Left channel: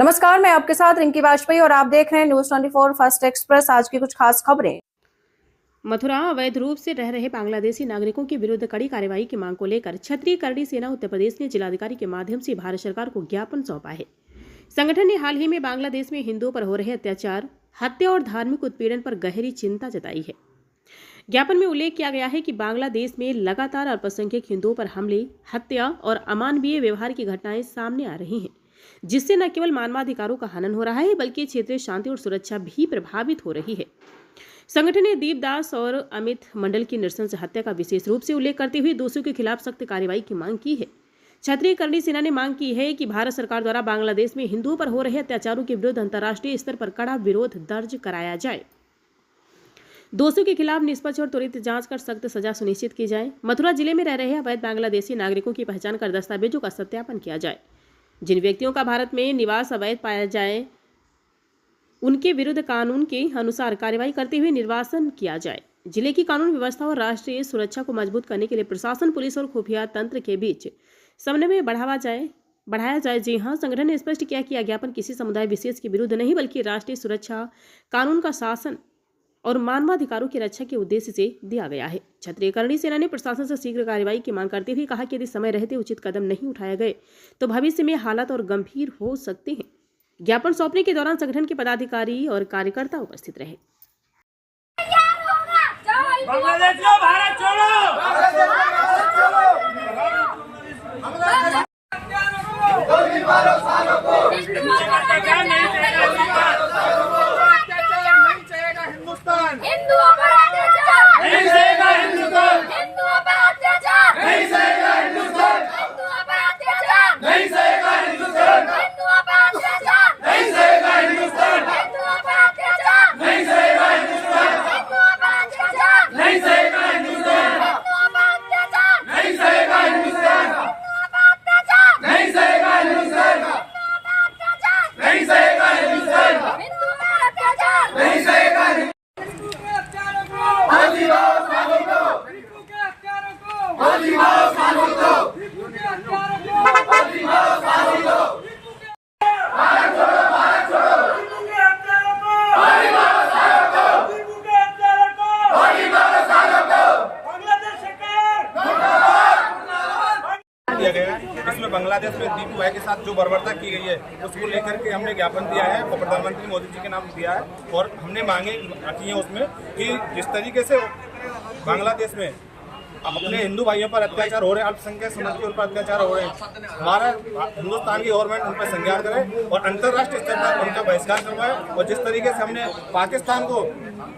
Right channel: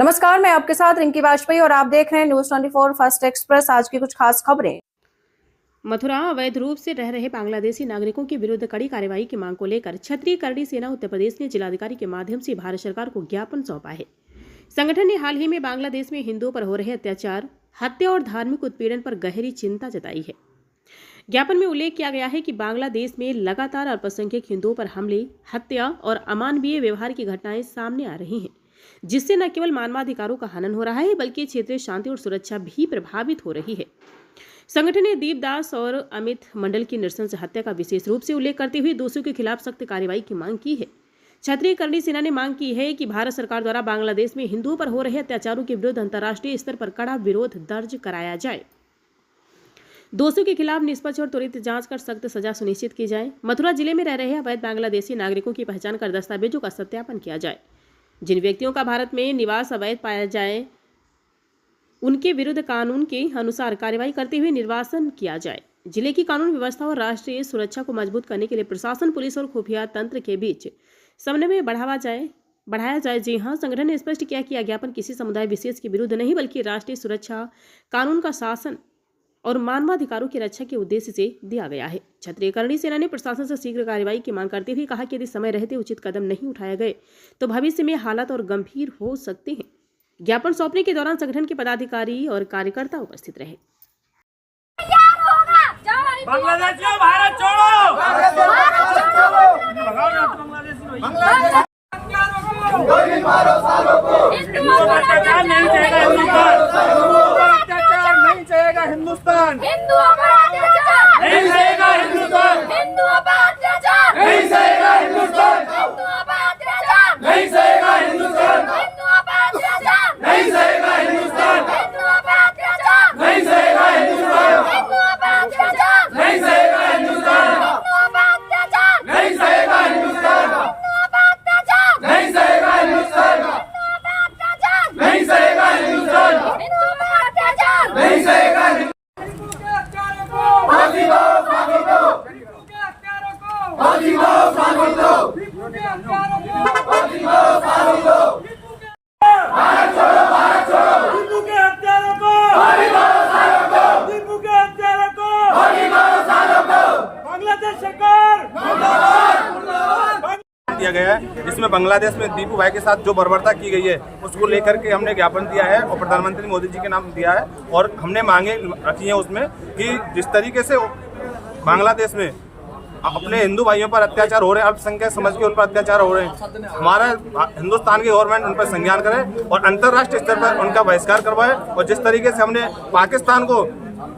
नमस्कार, मैं आपके साथ रिंकी वाजपेयी और आप देख रहे हैं न्यूज 24 फर्स्ट एक्सप्रेस। आज की कुछ खास खबरें। मथुरा अवैध रूप से रह रहे बांग्लादेशी नागरिकों के विरुद्ध कड़ी कार्रवाई की मांग को लेकर क्षत्रिय करणी सेना उत्तर प्रदेश ने जिलाधिकारी के माध्यम से भारत सरकार को ज्ञापन सौंपा है। संगठन ने हाल ही में बांग्लादेश में हिंदुओं पर हो रहे अत्याचार, हत्या और धार्मिक उत्पीड़न पर गहरी चिंता जताई है। ज्ञापन में उल्लेख किया गया है कि बांग्लादेश में लगातार अल्पसंख्यक हिंदुओं पर हमले, हत्या और अमानवीय व्यवहार की घटनाएं सामने आ रही हैं, जिससे न केवल मानवाधिकारों का हनन हो रहा है बल्कि क्षेत्रीय शांति और सुरक्षा भी प्रभावित हो रही है। संगठन ने दीपदास और अमित मंडल की नृशंस हत्या का विशेष रूप से उल्लेख करते हुए दोषियों के खिलाफ सख्त कार्रवाई की मांग की है। क्षत्रिय करणी सेना ने मांग की है कि भारत सरकार द्वारा बांग्लादेश में हिंदुओं पर हो रहे अत्याचारों के विरुद्ध अंतर्राष्ट्रीय स्तर पर कड़ा विरोध दर्ज कराया जाए। दोषियों के खिलाफ निष्पक्ष और त्वरित जांच कर सख्त सजा सुनिश्चित की जाए। मथुरा जिले में रह रहे अवैध बांग्लादेशी नागरिकों की पहचान कर दस्तावेजों का सत्यापन किया जाए। जिन व्यक्तियों का भारत में निवास अवैध पाया जाए उनके विरुद्ध कानून के अनुसार कार्रवाई करते हुए निर्वासन किया जाए। जिले की कानून व्यवस्था और राष्ट्रीय सुरक्षा को मजबूत करने के लिए प्रशासन, पुलिस और खुफिया तंत्र के बीच समन्वय बढ़ाया जाए। जी हां, संगठन ने स्पष्ट किया कि ज्ञापन किसी समुदाय विशेष के विरुद्ध नहीं बल्कि राष्ट्रीय सुरक्षा, कानून का शासन और मानवाधिकारों की रक्षा के उद्देश्य से दिया गया है। क्षत्रिय करणी सेना ने प्रशासन से शीघ्र कार्रवाई की मांग करते हुए कहा कि यदि समय रहते उचित कदम नहीं उठाए गए तो भविष्य में हालात और गंभीर हो सकते हैं। ज्ञापन सौंपने के दौरान संगठन के पदाधिकारी और कार्यकर्ता उपस्थित रहे। बांग्लादेशियों भारत छोड़ो, अत्याचार नहीं चाहेगा हिंदुस्तान, हिंदुओं पर अत्याचार नहीं सहेगा हिंदुस्तान, हिंदुओं पर अत्याचार नहीं सहेगा हिंदुस्तान, हिंदुओं पर अत्याचार नहीं सहेगा हिंदुस्तान, हिंदुओं पर अत्याचार नहीं सहेगा हिंदुस्तान, हिंदुओं पर अत्याचार नहीं सहेगा हिंदुस्तान, हिंदुओं पर अत्याचार नहीं सहेगा हिंदुस्तान, हिंदुओं पर अत्याचार नहीं सहेगा हिंदुस्तान, हिंदुओं पर अत्याचार नहीं सहेगा हिंदुस्तान, नहीं सहेगा हिंदुस्तान, हिंदुओं पर अत्याचार नहीं सहेगा। फांसी मारो सालों को, फांसी मारो सालों को, फांसी मारो सालों को, भारत छोड़ो, भारत छोड़ो, दीपू के हत्यारों को, फांसी मारो सालों को, दीपू के हत्यारों को, फांसी मारो सालों को, बांग्लादेश सरकार दिया गया है, जिसमें बांग्लादेश में दीपू भाई के साथ जो बर्बरता की गई है उसको लेकर के हमने ज्ञापन दिया है और प्रधानमंत्री मोदी जी के नाम दिया है। और हमने मांगे रखी है उसमें कि जिस तरीके से बांग्लादेश में अपने हिंदू भाइयों पर अत्याचार हो रहे हैं, अल्पसंख्यक समझ के उन पर अत्याचार हो रहे हैं, हमारा हिंदुस्तान की गवर्नमेंट उन पर संज्ञान करे और अंतर्राष्ट्रीय स्तर पर उनका बहिष्कार करवाए। और जिस तरीके से हमने पाकिस्तान को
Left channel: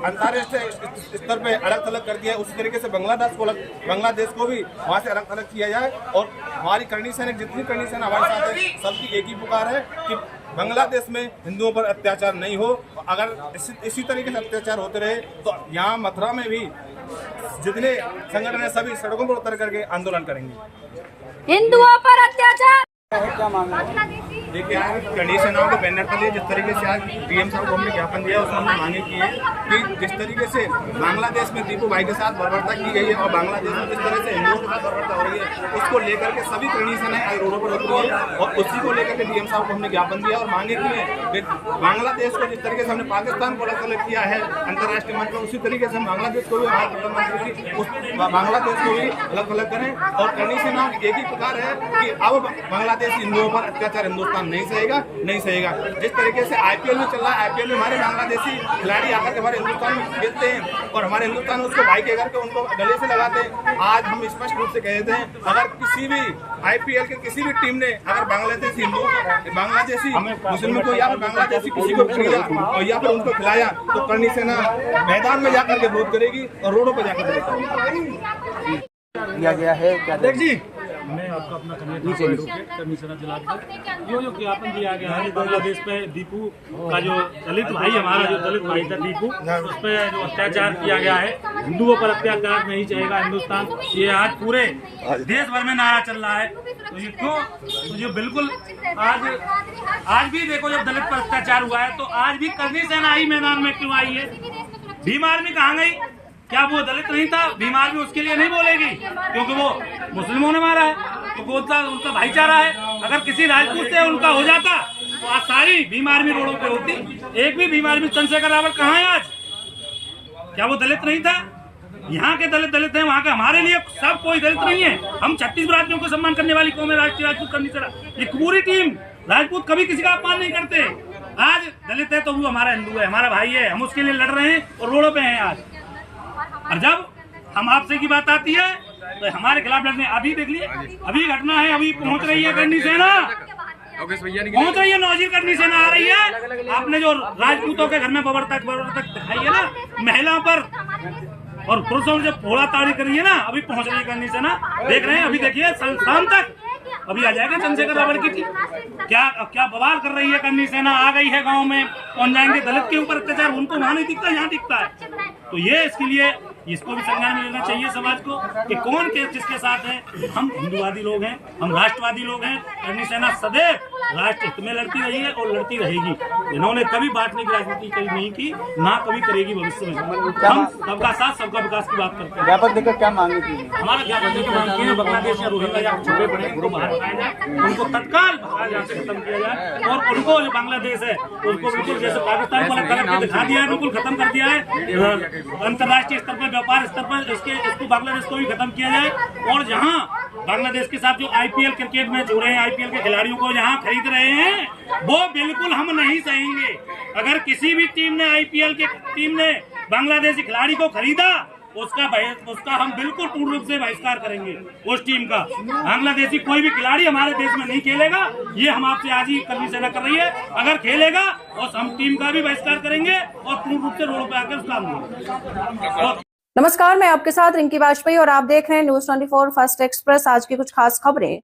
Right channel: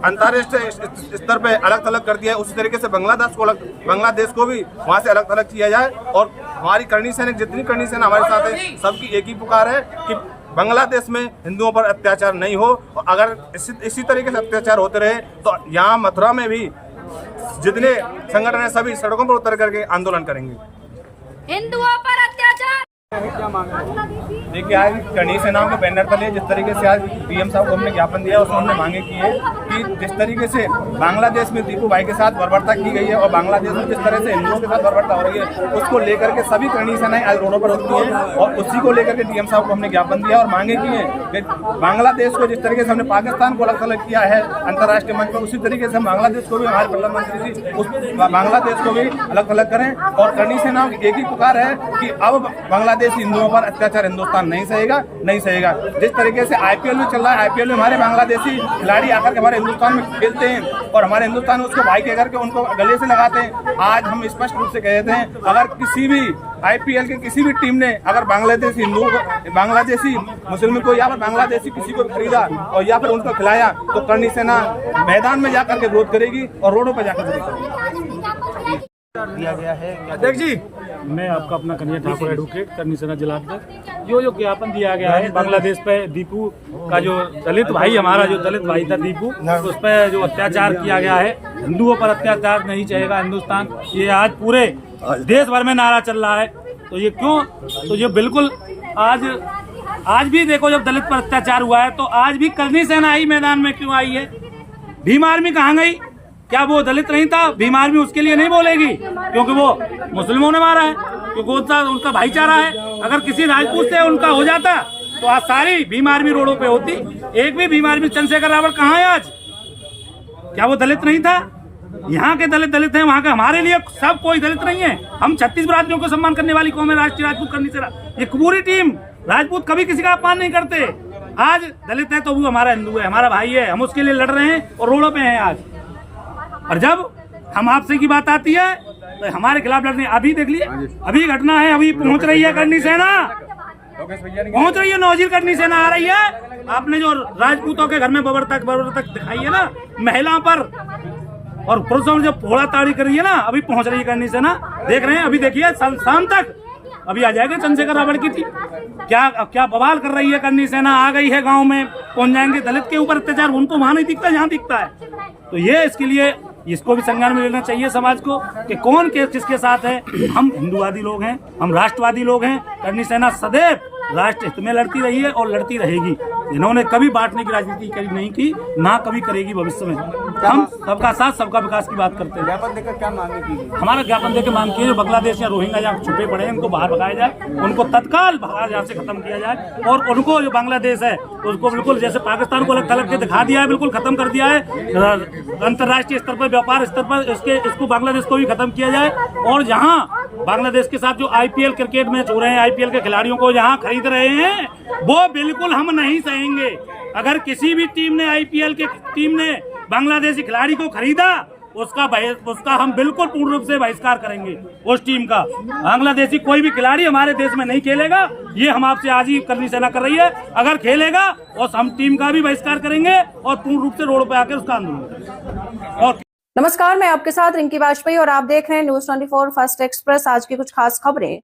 अंतर्राष्ट्रीय स्तर पे अलग थलग कर दिया है, उसी तरीके से बांग्लादेश को भी वहाँ से अलग थलग किया जाए। और हमारी करणी सेना, जितनी करणी सेना हमारे साथ है, सबकी एक ही पुकार है कि बांग्लादेश में हिंदुओं पर अत्याचार नहीं हो। और अगर इसी तरीके से अत्याचार होते रहे तो यहाँ मथुरा में भी जितने संगठन है सभी सड़कों पर उतर करके आंदोलन करेंगे। हिंदुओं पर अत्याचार देखिए, आज करणी सेनाओं के बैनर तले जिस तरीके से आज डीएम साहब को हमने ज्ञापन दिया उसमें हमने मांगे की है कि जिस तरीके से बांग्लादेश में दीपू भाई के साथ बर्बरता की गई है और बांग्लादेश में जिस तरह से हिंदुओं के साथ बर्बरता हो रही है उसको लेकर के सभी करणी सेनाएं आज रोडों पर उतरी हैं। और उसी को लेकर के डीएम साहब को हमने ज्ञापन दिया और मांगे की है कि बांग्लादेश को जिस तरीके से हमने पाकिस्तान को अलग थलग किया है अंतर्राष्ट्रीय मंच पर, उसी तरीके से हम बांग्लादेश को भी, हमारे प्रधानमंत्री जी उस बांग्लादेश को भी अलग थलग करें। और करणी सेनाओं की एक ही पुकार है कि अब बांग्लादेश हिंदुओं पर अत्याचार हिंदुस्तान नहीं सहेगा, नहीं सहेगा। जिस तरीके से आईपीएल भी चल रहा है, आईपीएल में हमारे बांग्लादेशी खिलाड़ी आकर के हमारे हिंदुस्तान में खेलते हैं और हमारे हिंदुस्तान में उसको भाई के करके उनको गले से लगाते हैं। आज हम स्पष्ट रूप से कहते हैं, अगर किसी भी आईपीएल की किसी भी टीम ने अगर बांग्लादेशी हिंदुओं को, बांग्लादेशी मुस्लिम को या फिर बांग्लादेशी किसी को खरीदा और या फिर उनको खिलाया तो करणी सेना मैदान में जाकर के विरोध करेगी और रोडों पर जाकर विरोध करेगी। दिया गया है अध्यक्ष जी, मैं आपका अपना कन्हैया ठाकुर एडवोकेट करणी सेना जिला अध्यक्ष। जो ज्ञापन दिया गया है बांग्लादेश पे दीपू का, जो दलित भाई, हमारा जो दलित भाई था दीपू, उस पर जो अत्याचार किया गया है, हिंदुओं पर अत्याचार नहीं चाहेगा हिंदुस्तान, ये आज पूरे देश भर में नारा चल रहा है। तो ये क्यों? तो ये बिल्कुल आज भी देखो, जब दलित पर अत्याचार हुआ है तो आज भी करणी सेना आई मैदान में क्यों आई है? भीम आर्मी कहाँ गई? क्या वो दलित नहीं था? भीम आर्मी उसके लिए नहीं बोलेगी क्योंकि वो मुस्लिमों ने मारा है, क्योंकि उनका भाईचारा है। अगर किसी राजपूत से उनका हो जाता तो आज सारी बीमार भी रोडों पे होती। एक भी बीमार भी चंद्रशेखर रावण कहाँ है आज? क्या वो दलित नहीं था? यहाँ के दलित हैं, वहाँ के हमारे लिए सब कोई दलित नहीं है। हम 36 बिरादरियों को सम्मान करने वाली कौम है, राष्ट्रीय राजपूत करनी से ये पूरी टीम राजपूत कभी किसी का अपमान नहीं करते। आज दलित है तो वो हमारा हिंदू है, हमारा भाई है, हम उसके लिए लड़ रहे हैं और रोडों पे हैं आज। और जब हम आपसे की बात आती है तो हमारे खिलाफ लड़ने, अभी देख लिए, अभी घटना है, अभी पहुंच रही है करनी सेना, पहुंच रही है नौजीर करनी सेना आ रही है। आपने जो राजपूतों के घर में बबर तक दिखाई है ना, महिलाओं पर और पुरुषों ने जब फोड़ा ताड़ी करी है ना, अभी पहुंच रही है करनी सेना, देख रहे हैं। अभी देखिए शाम तक अभी आ जाएगा चंद्रशेखर रावण की थी, क्या बवाल कर रही है करनी सेना, आ गई है गांव में, पहुंच जाएंगे। दलित के ऊपर अत्याचार उनको वहां नहीं दिखता, यहाँ दिखता है। तो ये इसके लिए इसको भी संज्ञान में लेना चाहिए समाज को कि कौन किसके साथ है। हम हिंदुवादी लोग हैं, हम राष्ट्रवादी लोग हैं। करनी सेना सदैव राष्ट्र हित में लड़ती रही है और लड़ती रहेगी। इन्होंने कभी बांटने की राजनीति नहीं की, ना कभी करेगी भविष्य में। हम सबका साथ सबका विकास की बात करते हैं। ज्ञापन देकर क्या मांगे की? हमारा ज्ञापन देकर मांग की है बांग्लादेश या रोहिंग्या या छुपे पड़े हैं, उनको बाहर भगाया जाए, उनको तत्काल यहाँ से खत्म किया जाए। और उनको जो बांग्लादेश है उसको बिल्कुल जैसे पाकिस्तान को अलग थलग के दिखा दिया है, बिल्कुल खत्म कर दिया है। अंतर्राष्ट्रीय स्तर पर, व्यापार स्तर पर इसको बांग्लादेश को भी खत्म किया जाए। और जहाँ बांग्लादेश के साथ जो IPL क्रिकेट मैच हो रहे हैं, IPL के खिलाड़ियों को यहाँ खरीद रहे हैं, वो बिल्कुल हम नहीं सहेंगे। अगर किसी भी टीम ने IPL के टीम ने बांग्लादेशी खिलाड़ी को खरीदा, उसका हम बिल्कुल पूर्ण रूप से बहिष्कार करेंगे। उस टीम का बांग्लादेशी कोई भी खिलाड़ी हमारे देश में नहीं खेलेगा। ये हम आपसे आज ही करनी सेना कर रही है। अगर खेलेगा और हम टीम का भी बहिष्कार करेंगे और पूर्ण रूप से रोड पे आकर उसका आंदोलन। नमस्कार, मैं आपके साथ रिंकी वाजपेयी और आप देख रहे हैं न्यूज़ 24 फर्स्ट एक्सप्रेस। आज की कुछ खास खबरें।